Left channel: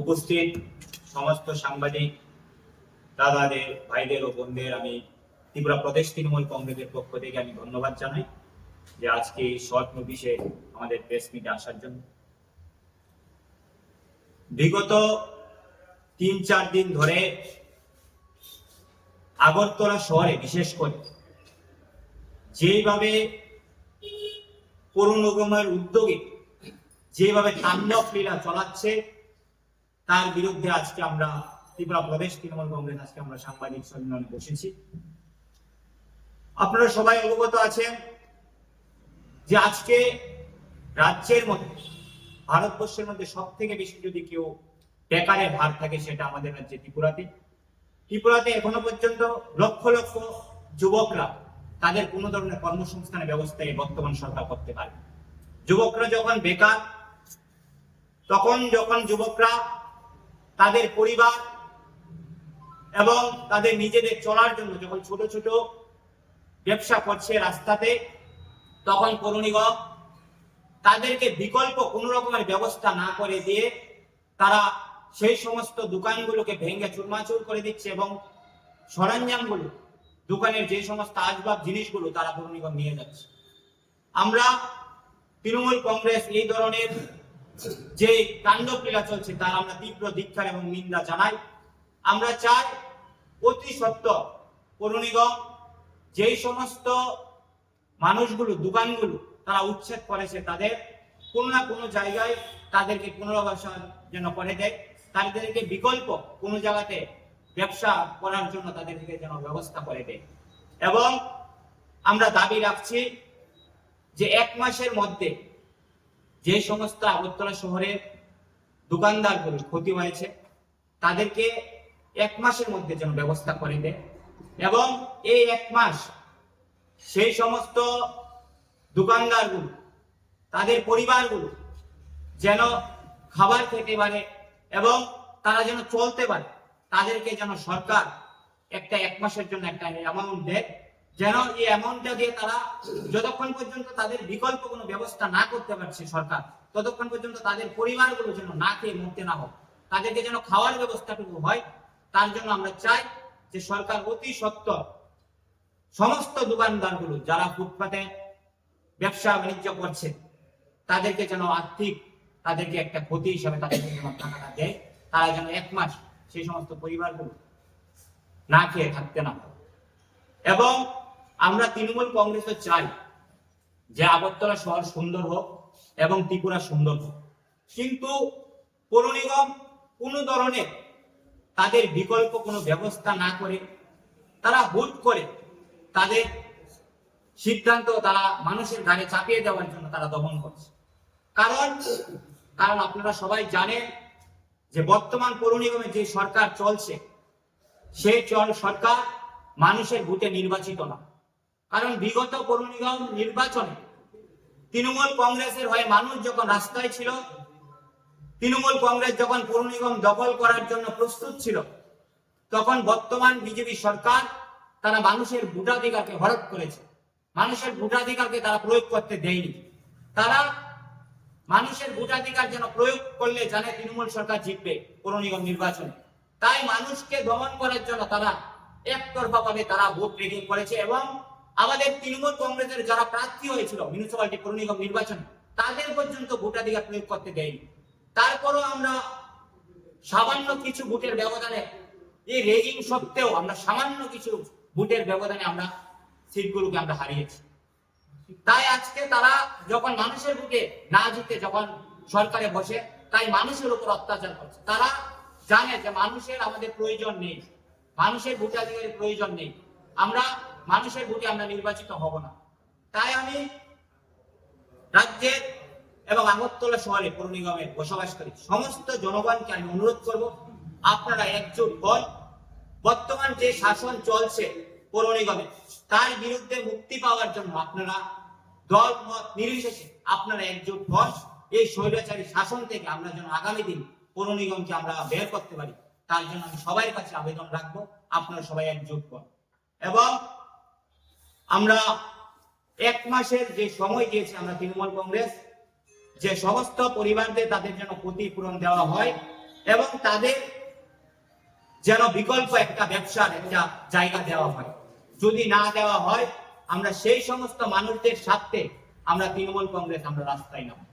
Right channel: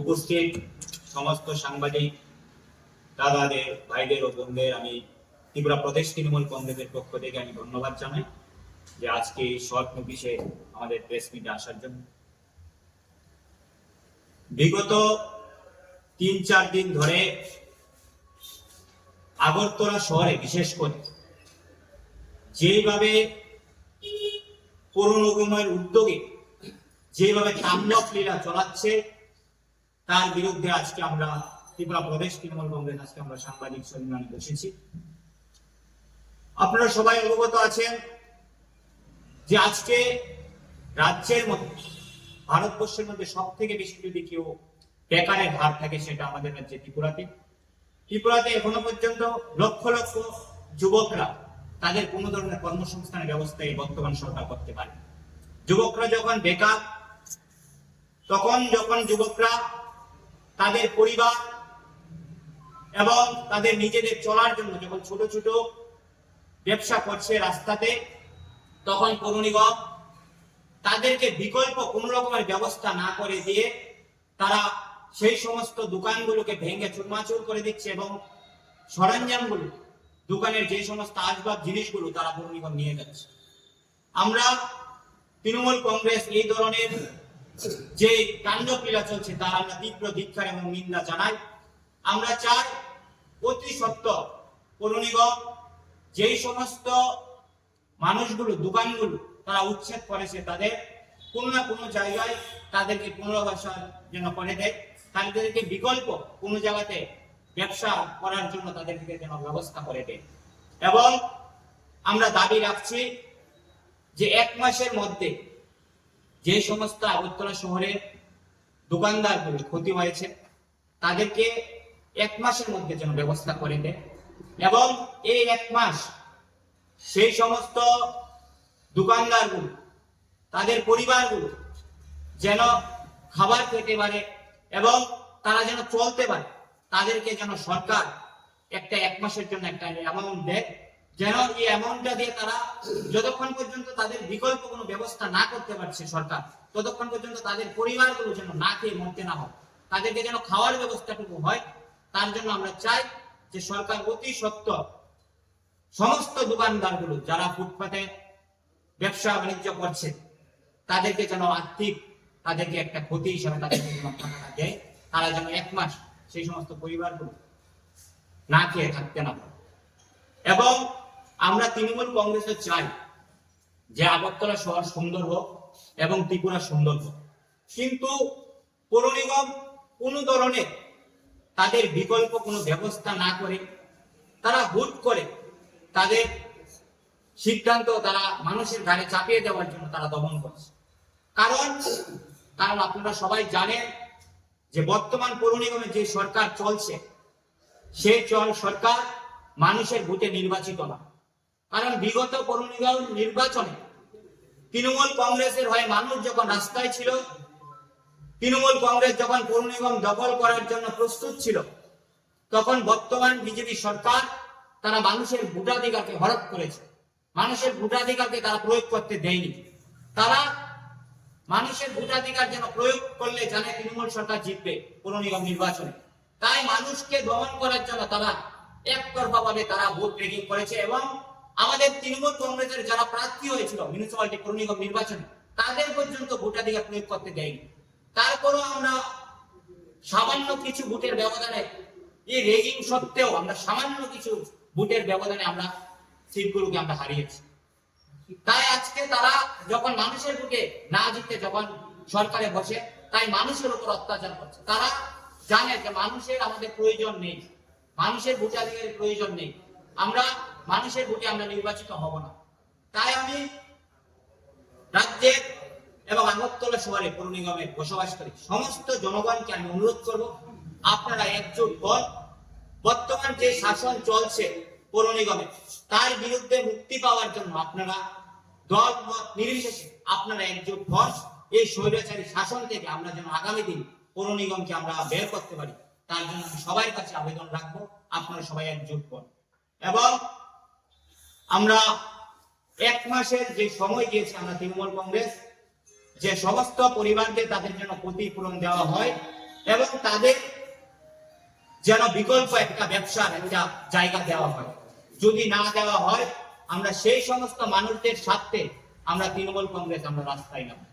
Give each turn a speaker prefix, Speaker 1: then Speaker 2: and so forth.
Speaker 1: উপস্থিত সমস্ত সাংবাদিক, দাদাদের, ভাইদের ও বোনদের আমি ত্রিপুরা প্রদেশ তৃণমূল কংগ্রেসের পক্ষ থেকে আমি ধন্যবাদ জানাই যে আজকে এই শর্ট নোটিশে আমাদের প্রেস মিটে আসার জন্য। বিগত তিন চার দিন ধরে আগরতলা শহরে, বিশেষ করে যেভাবে পৌর নিগমের উদ্যোগে যেভাবে তাণ্ডব লীলা চলাচ্ছে তার বিরুদ্ধে আজকে আমরা ত্রিপুরা প্রদেশ তৃণমূল কংগ্রেস, আজকে আমরা সাংবাদিক সম্মেলনে বসেছি। আপনারা সবাই অবগত আছেন যে আজকে রাজ্যের মধ্যে, ভারতবর্ষের মধ্যে সব থেকে বেশি যদি কেউ বেকারের হার থাকে, সেটা আমাদের রাজ্যে ত্রিপুরাতে। ত্রিপুরাতে এখনও পর্যন্ত লক্ষ লক্ষ যুবকরা তাদের কোনো ধরনের কর্মসংস্থানের ব্যবস্থা এই বর্তমান সরকার করতে পারে যুবকরা যখন বেকার, তখন যখন যুবকরা তাদের পরিবার এবং তাদের নিজেদের চলার জন্য যখন ছোট ছোট ব্যবসা করছে রাস্তাতে, তখন নিগম তাদেরকে বিকল্প কোনো রকমের ব্যবস্থা না করে দিয়ে তারা সেই সমস্ত দোকানগুলোকে ভেঙে চুরমাচুর করে দিচ্ছে এবং সরঞ্জামগুলো, দোকানের যে সমস্ত আসবাব জিনিসগুলো তারা নিগম নিয়ে যাচ্ছে। আমরা তৃণমূল কংগ্রেস এই ধরনের যে লীলা চলছে তার আমরা তীব্র ধিক্ষার এবং নিন্দা জানাই। আমরা চাই অতি সত্য পৌর নিগম যেই সমস্ত মানুষগুলো, দোকানগুলো তারা উচ্ছেদ করেছে তাদের, কোনো না কোনো জায়গায় তাদেরকে পুনর্বাসন যেন করে দেয়। তাদেরকে বিকল্প কোনো জায়গাতে ব্যবসা করার জন্য তাদেরকে যেন ব্যবস্থা করে দেয়। এবং আমরা দাবি রাখছি যে এক মাসের মধ্যে যে সমস্ত আগরতলা শহরের দোকানদারগুলো ক্ষতি হয়েছে, তাদেরকে এক মাসের মধ্যে যেন ব্যবস্থা করে দেয়। এবং এই এক মাস সেই সমস্ত দোকানদারগুলো, তাদের পরিবারগুলো যেন খাবার খেতে পারে এবং তারা যেন চলতে পারে, তাদেরকে যেন সরকার একটা এক মাসের জন্য একটা অ্যামাউন্ট দেয়। যেন এই অ্যামাউন্টটা দিয়ে তারা যতক্ষণ পর্যন্ত তাদের বিকল্প কোনো ব্যবস্থা না করতে পারছে সরকার, ততক্ষণ পর্যন্ত তাদের পরিবারগুলো যেন না খেয়ে মরতে না হোক তাদেরকে যেন খাওয়ার ব্যবস্থাটুকু হয়, তার জন্য আমরা চাই যে সরকার অতি সত্ত্বর সমস্ত দোকানদারগুলো যারা ফুটপাতে ব্যবসা বাণিজ্য করছে, তাদেরকে যেন আর্থিক তাদেরকে একটা ক্ষতি হিসাবে তাদেরকে যেন টাকাটা দেয়, তারা যেন এক মাস সেই সমস্ত পরিবারগুলো না খেয়ে থাকতে না এবং আমরা তৃণমূল কংগ্রেসে চাই যে আগরতলা শহর সুন্দর হোক এবং ত্রিপুরা সুন্দর হোক। কিন্তু পৌর নিগম কোনো ধরনের তাদের বিকল্প কোনো ব্যবস্থা না করে তারা হুট করে তাদের সিদ্ধান্ত তারা মানুষের ঘাড়ে চাপিয়ে দেওয়ার জন্য তারা দমন করছে। কারণ কারণ আপনারা সবাই জানেন যে বর্তমান পৌর নিগমে যে সরকার চলছে, সেই চল সরকার মানুষের ভোটে নির্বাচিত না। কারণ বিগত পৌর নির্বাচনে তৃণমূল কংগ্রেসের হয়ে মানুষ যখন রাস্তায় ছিল, তৃণমূল কংগ্রেস যখন পৌর নিগম দখল করার জন্য প্রস্তুত ছিল, তখন বর্তমান বিজেপি সরকার তারা মানুষের ভোটাধিকারকে হরপ করেছে। মানুষের ভোটাধিকারকে তারা প্রয়োগ করতে দেয়নি। তারা মানুষের ভোটাধিকার যেন প্রয়োগ করলে জানে তৃণমূল সরকার জিতবে পৌর নির্বাচনে। তাই মানুষকে দমন করার জন্য তারা একতরফা ভাবে তারা ভোট রেগিং করেছে এবং আমাদের তৃণমূল কংগ্রেসের যারা প্রার্থী হয়েছিল মিউনিসিপালিটি পৌর নিগম নির্বাচনে, তাদের পর্যন্ত ভোটাধিকার প্রয়োগ করতে দেয়নি। তারপরও আমরা সামান্য কিছু ভোটের ব্যবধানে, এই রেগিং সত্ত্বেও আমরা সামান্য কিছু ভোটের ব্যবধানে আমরা সিটগুলোকে আমরা হারিয়েছি। তাই আজকে তারা যখন মানুষের বুকে না জিতে যখন সরকারে বসে, তাই মানুষের উপর অত্যাচার করছে। তারা জানে যে মানুষের আমাদের প্রয়োজন নেই, মানুষের ভোটাধিকারের প্রয়োজন নেই। আমরা মানুষের ভোটে আমরা নির্বাচিত হব না। তাই আমি রাজ্যের এবং আগরতলা শহরে পৌর নিগমে বসবাস করি। সমস্ত জনগণকে আমি অনুরোধ করব, আপনারা একজোট হন। বর্তমান যে শাসন চলছে পৌর নিগমে, তার বিরুদ্ধে মুক্তি পাওয়ার জন্য আপনারা দল, মত নির্বিশেষে আপনারা একজোট হন। এই স্বৈরাচারী শাসন থেকে আমরা যেন আগামী দিন পৌর নিগমকে আমরা বের করতে পারি, তার জন্য আমি সবার কাছে আবেদন রাখব, আপনারা সবাই একজোট হন। এবং আমরা এক মাসের যে সময় দিয়েছি আমরা তৃণমূল কংগ্রেস, যে সমস্ত পরিবারদের তাদের যেন ক্ষতিপূরণ দেওয়া হয় এবং তাদের যেন বিকল্প একটা ব্যবসার একটা জায়গা দেওয়া হয়। যদি না দেওয়া হয়, আমরা সেই সমস্ত মানুষদের স্বার্থে আমরা তৃণমূল কংগ্রেস আমরা রাস্তায় নামবো।